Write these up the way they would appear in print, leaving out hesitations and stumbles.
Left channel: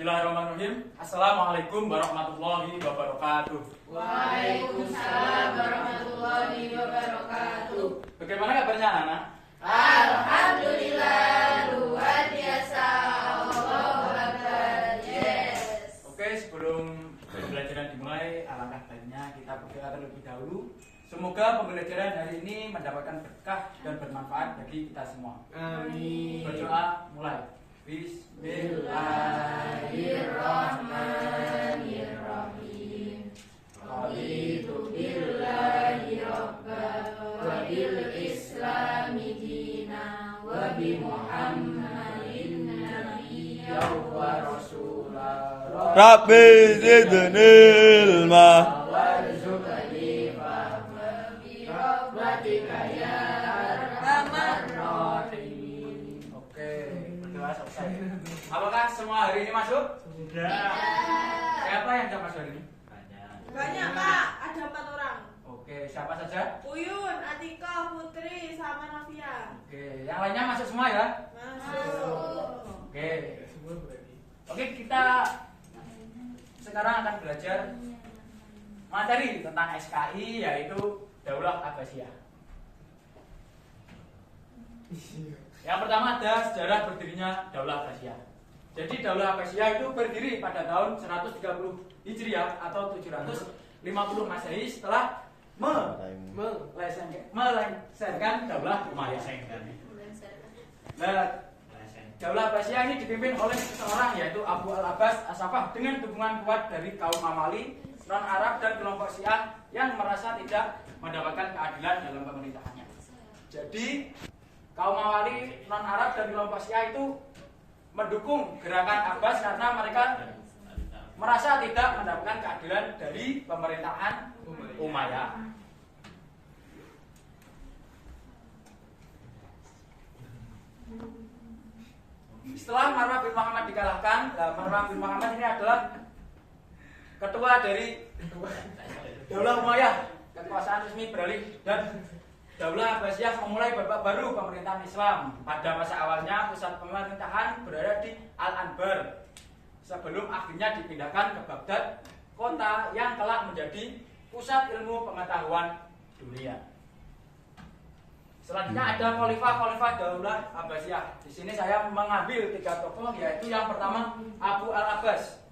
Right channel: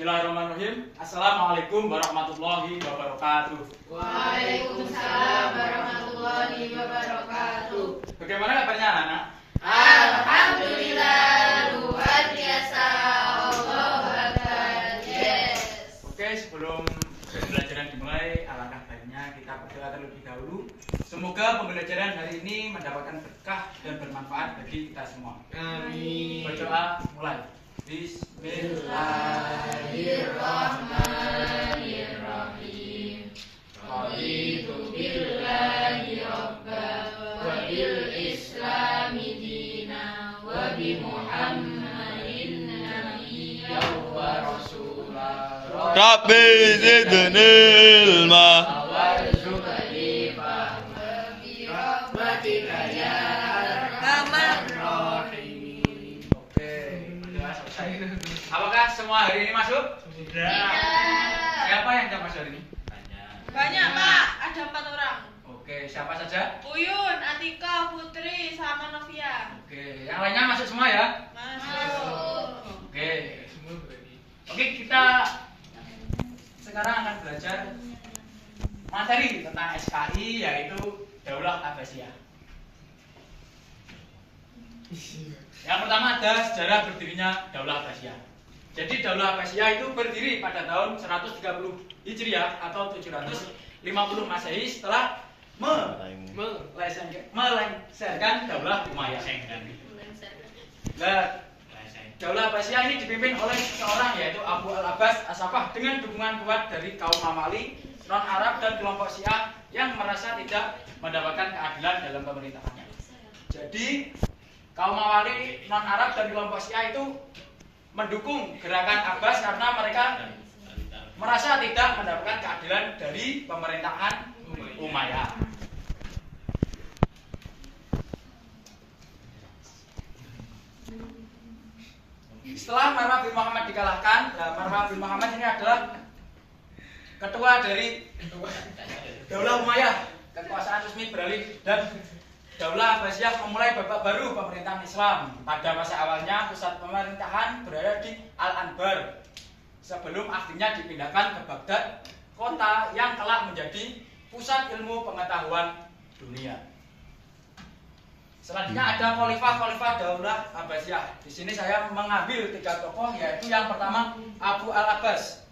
Bismillahirrahmanirrahim. Assalamualaikum warahmatullahi wabarakatuh. Waalaikumsalam warahmatullahi wabarakatuh. Bagaimana kabarnya anak-anak? Alhamdulillah, luar biasa. Allahu Akbar. Yes. Oke, sebelum pembelajaran dimulai, alangkah baiknya kita berdoa terlebih dahulu. Semoga pembelajaran hari ini mendapatkan berkah dan bermanfaat bagi kita semua. Amin. Berdoa mulai. Bismillahirrahmanirrahim. Raditu billahi rabba wa bil islami dina wa bi Muhammadin nabiyya wa rasulah. Rabbi zidni ilma warzuqni fahma bi rahmatika ya arhamar rahimin. Oke, berdoa selesai. Apakah semua hari ini masuk? Tidak. Siapa yang tidak masuk hari ini? Banyak Pak, ada 4 orang. Oke, siapa saja? Uyun, Atika, Putri, sama Novia. Oke, yang lainnya masuk semua ya? Masuk. Oke. Oke, kita sekarang akan belajar materi tentang SKI, yaitu Daulah Abbasiyah. Yang pertama ada sejarah berdirinya Daulah Abbasiyah. Jadi Daulah Abbasiyah itu berdiri pada tahun 130 Hijriah atau 750 Masehi setelah melengsarkan Daulah Umayyah. Nah, Daulah Abbasiyah ini dipimpin oleh seseorang yaitu Abu al-Abbas As-Saffah dengan dukungan kuat dari kaum Mamali, non-Arab dan kelompok Syiah yang merasa tidak mendapatkan keadilan dalam pemerintahannya. Jadi kaum Mamali, non-Arab dan kelompok Syiah itu mendukung gerakan Abbas karena mereka merasa tidak mendapatkan keadilan dari pemerintahan Umayyah. Setelah Marwan bin Muhammad dikalahkan, Marwan bin Muhammad ini adalah ketua dari Daulah Umayyah. Kekuasaan resmi beralih dan Daulah Abbasiyah memulai babak baru pemerintahan Islam. Pada masa awalnya pusat pemerintahan berada di Al-Anbar sebelum akhirnya dipindahkan ke Baghdad, kota yang kelak menjadi pusat ilmu pengetahuan dunia. Selanjutnya ada khalifah Daulah Abbasiyah. Di sini saya mengambil 3 tokoh, yaitu yang pertama Abu al-Abbas.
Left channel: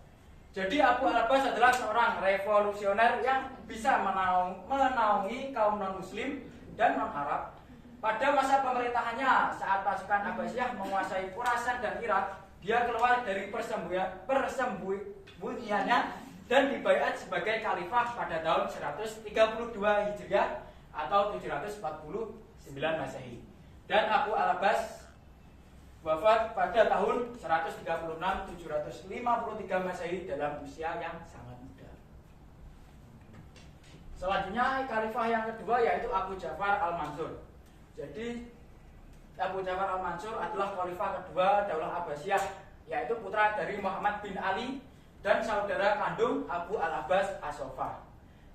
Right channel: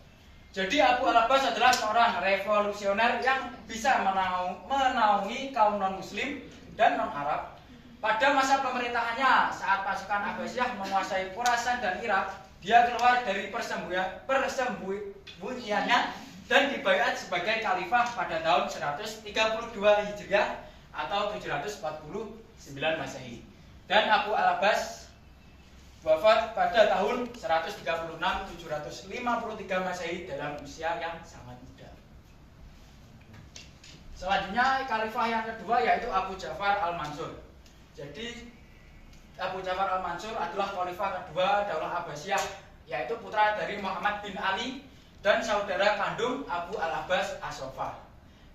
Jadi Abu al-Abbas adalah seorang revolusioner yang bisa menaungi kaum non-muslim dan non-Arab. Pada masa pemerintahannya, saat pasukan Abbasiyah menguasai Khurasan dan Irak, dia keluar dari persembunyiannya dan dibaiat sebagai khalifah pada tahun 132 Hijriah atau 749 Masehi. Dan Abu al-Abbas wafat pada tahun 136-753 Masehi dalam usia yang sangat muda. Selanjutnya khalifah yang kedua yaitu Abu Ja'far al-Mansur. Jadi Abu Ja'far al-Mansur adalah khalifah kedua Daulah Abbasiyah, yaitu putra dari Muhammad bin Ali dan saudara kandung Abu al-Abbas As-Saffah.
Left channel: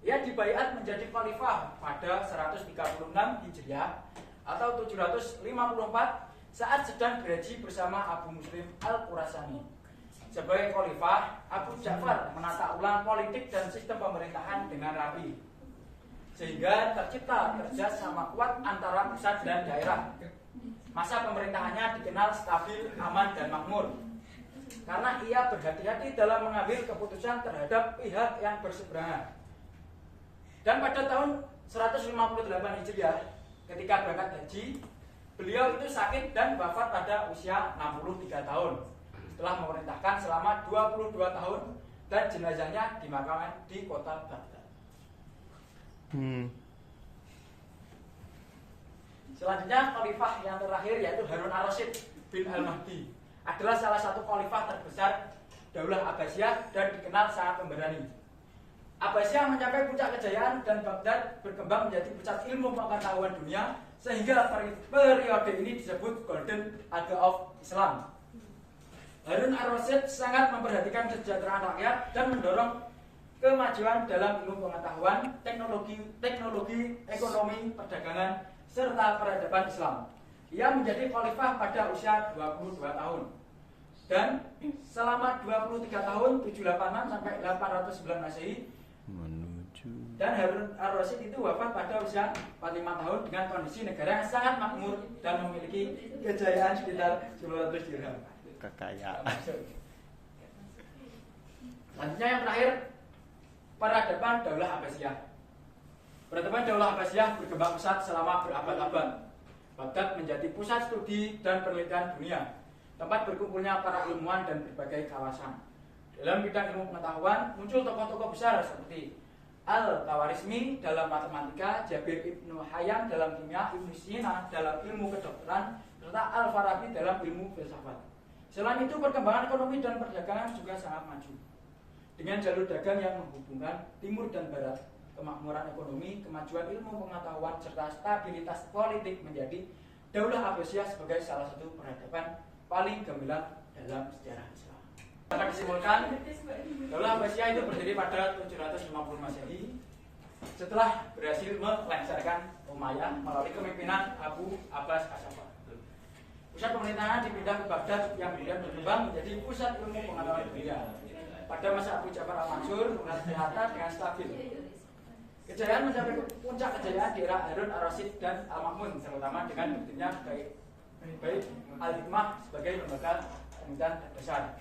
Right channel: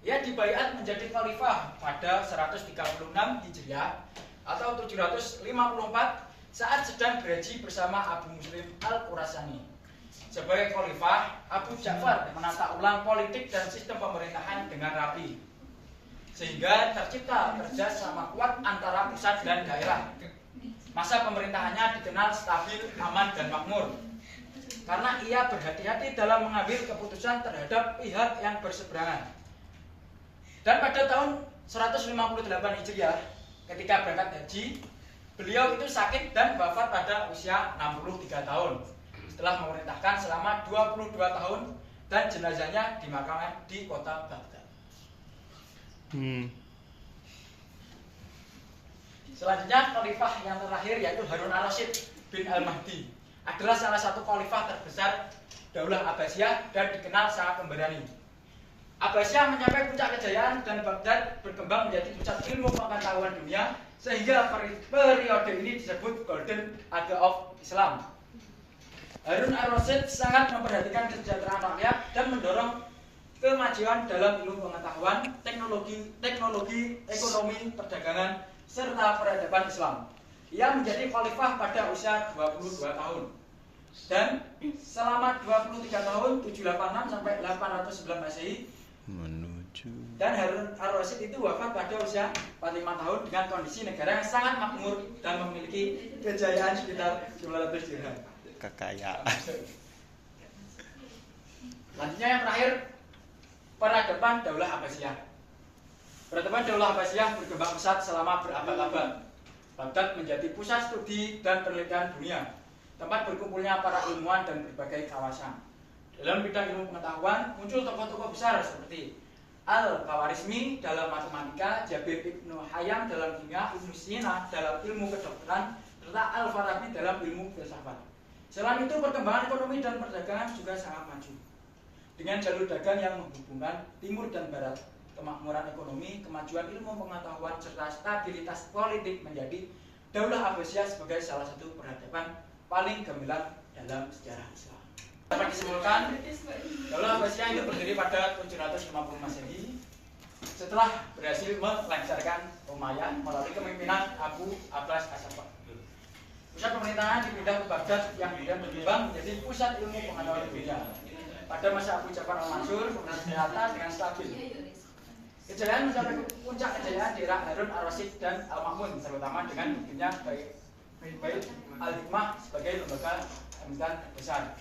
Ia dibaiat menjadi khalifah pada 136 Hijriah atau 754 saat sedang berhaji bersama Abu Muslim al-Khurasani. Sebagai khalifah, Abu Ja'far menata ulang politik dan sistem pemerintahan dengan rapi, sehingga tercipta kerjasama kuat antara pusat dan daerah. Masa pemerintahannya dikenal stabil, aman, dan makmur karena ia berhati-hati dalam mengambil keputusan terhadap pihak yang berseberangan. Dan pada tahun 158 Hijriah, ketika berangkat haji, beliau itu sakit dan wafat pada usia 63 tahun setelah memerintahkan selama 22 tahun dan jenazahnya dimakamkan di kota Baghdad. Selanjutnya khalifah yang terakhir yaitu Harun ar-Rasyid bin al-Mahdi adalah salah satu khalifah terbesar Daulah Abbasiyah dan dikenal sangat pemberani. Abbasiyah mencapai puncak kejayaan dan Baghdad berkembang menjadi pusat ilmu pengetahuan dunia sehingga periode ini disebut Golden Age of Islam. Harun ar-Rasyid sangat memperhatikan kesejahteraan rakyat dan mendorong kemajuan dalam ilmu pengetahuan, teknologi, ekonomi, perdagangan, serta peradaban Islam. Ia menjadi khalifah pada usia 22 tahun. Dan selama 23 tahun 786 sampai 809 Masehi Menuju. dan Harun ar-Rasyid itu wafat pada usia 45 tahun dengan kondisi negara yang sangat makmur dan memiliki kejayaan sekitar 200 dirham. Kekayaan. Selanjutnya yang terakhir, peradaban Daulah Abbasiyah. Peradaban Daulah Abbasiyah berkembang pesat selama berabad-abad. Baghdad menjadi pusat studi dan penelitian dunia, tempat berkumpulnya para ilmuwan dan berbagai kawasan. Dalam bidang ilmu pengetahuan muncul tokoh-tokoh besar seperti Al-Khawarizmi dalam matematika, Jabir Ibnu Hayam dalam kimia, Ibnu Sina dalam ilmu kedokteran, serta Al-Farabi dalam ilmu filsafat. Selain itu, perkembangan ekonomi dan perdagangan juga sangat maju. Dengan jalur dagang yang menghubungkan timur dan barat, kemakmuran ekonomi, kemajuan ilmu pengetahuan, serta stabilitas politik menjadi Daulah Abbasiyah sebagai salah satu peradaban paling gemilang dalam sejarah Islam. Dapat disimpulkan, Daulah Abbasiyah itu berdiri pada 750 Masehi setelah berhasil melengsarkan Umayyah melalui kepemimpinan Abu Abbas As-Saffah. Pusat pemerintahan dipindah ke Baghdad yang kemudian berkembang menjadi pusat ilmu pengetahuan dunia. Pada masa Abu Ja'far Al-Mansur, ternyata dengan stabil. Kejayaan mencapai puncak kejayaan di era Harun ar-Rasyid dan Al-Ma'mun, terutama dengan berdirinya Bait Al-Hikmah sebagai lembaga pemerintahan besar.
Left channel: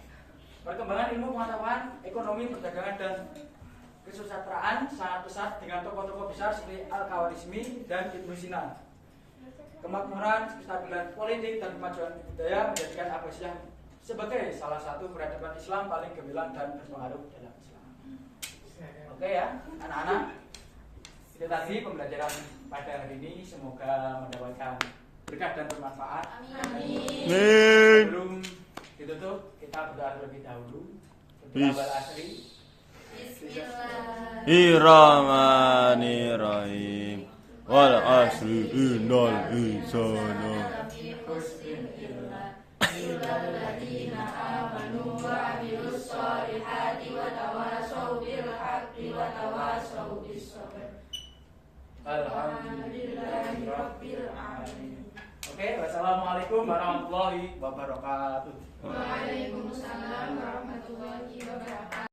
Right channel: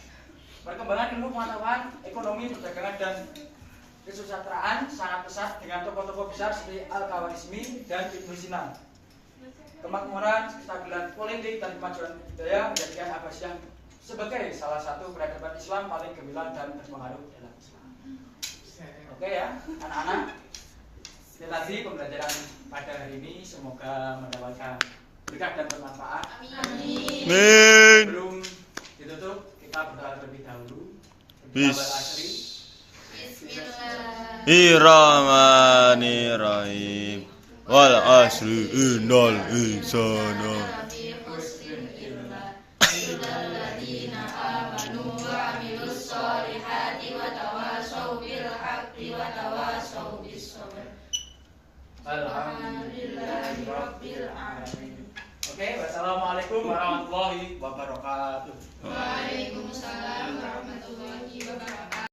Perkembangan ilmu pengetahuan, ekonomi, perdagangan, dan kesusastraan sangat pesat dengan tokoh-tokoh besar seperti Al-Khawarizmi dan Ibnu Sina. Kemakmuran, kestabilan politik, dan kemajuan budaya menjadikan Abbasiyah sebagai salah satu peradaban Islam paling gemilang dan berpengaruh dalam Islam. Oke ya, anak-anak. Itu tadi pembelajaran pada hari ini, semoga mendapatkan berkah dan bermanfaat. Amin. Sebelum ditutup, kita berdoa terlebih dahulu. Bismillahirrahmanirrahim. Wal asri innal insana Alhamdulillahirabbil alamin. Oke, wassalamualaikum warahmatullahi wabarakatuh. Waalaikumsalam warahmatullahi wabarakatuh.